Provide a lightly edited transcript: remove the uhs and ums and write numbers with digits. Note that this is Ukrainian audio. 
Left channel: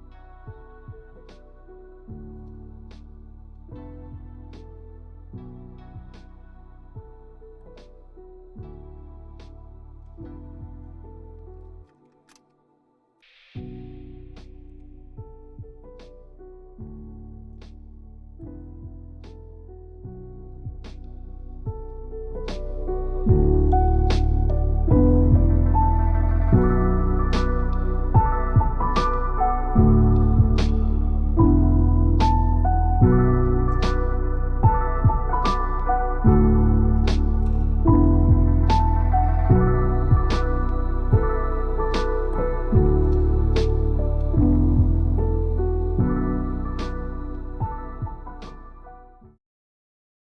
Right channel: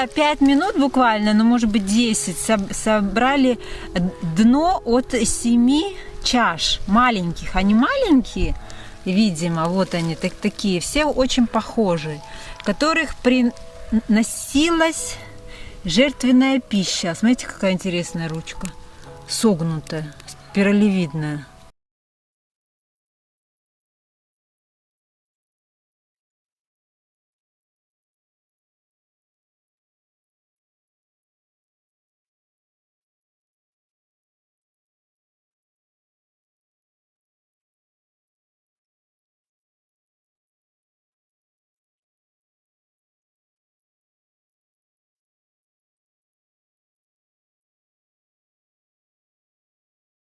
за 5 минут буквально, ну может быть 10, собрали дно от 7 чаш маленьких. Они маленькие, видимо, вот они такие, все очень похожие, в которых приносилась жертвенная пища. Смотрите, какая интересная ручка, согнутая, спиралевидная.